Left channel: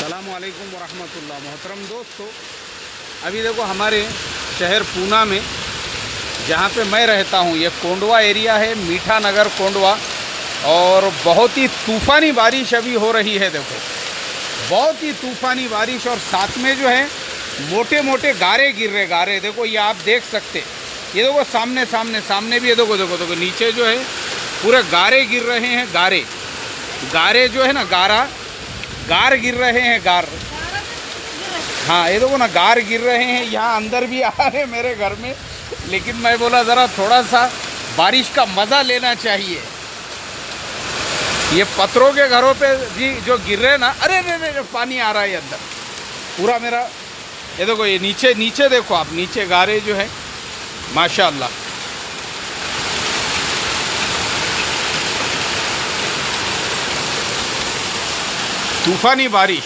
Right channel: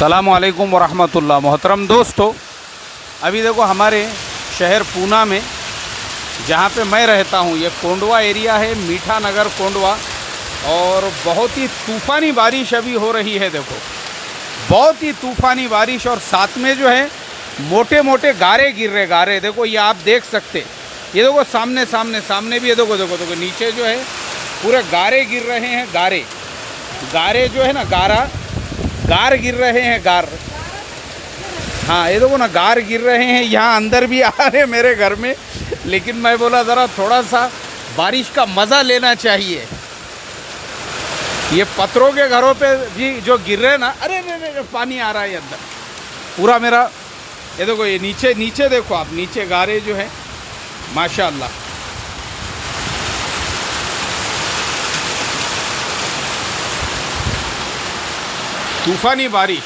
अस्सलामुअलैकुम वरहमतुल्लाह। मोहतरम दोस्तों, अभी देखो हमारे शहर पूना में जहाँ पे मैं रहता हूँ ये कोंडवा एरिया है, मीठा नगर कोंडवा, और बहुत ही तूफ़ानी बारिश अभी हो रही है। देखो बहुत ही तूफ़ानी बारिश, और साथ में जो है मोटे मोटे गारे गिर रहे, गारे देखो ये आप देख सकते, ये देखो सामने सामने सामने भी है, देखो देखो देखो नीचे जो है पूरे गारे गिर रहे हैं। गारे गारे जो है ना, गार गिर रहे हैं, गार। हाँ ये देखो ना, गार गिर रहे हैं। यहाँ अंदर भी आ रहे हैं मेरे घर में, लेकिन मैं बोला ज़रा थोड़ा सा बारिश का मज़ा लेना चाहिए। ये पत्थरों के घरों पे भी जो गिर रहे हैं ना, अरे अरे पानी आ रहा है अंदर पूरा मेरा। ये देखो ये नीचे नीचे देखो आप, नीचे गारे जो है माशाल्लाह। तूफ़ानी बारिश।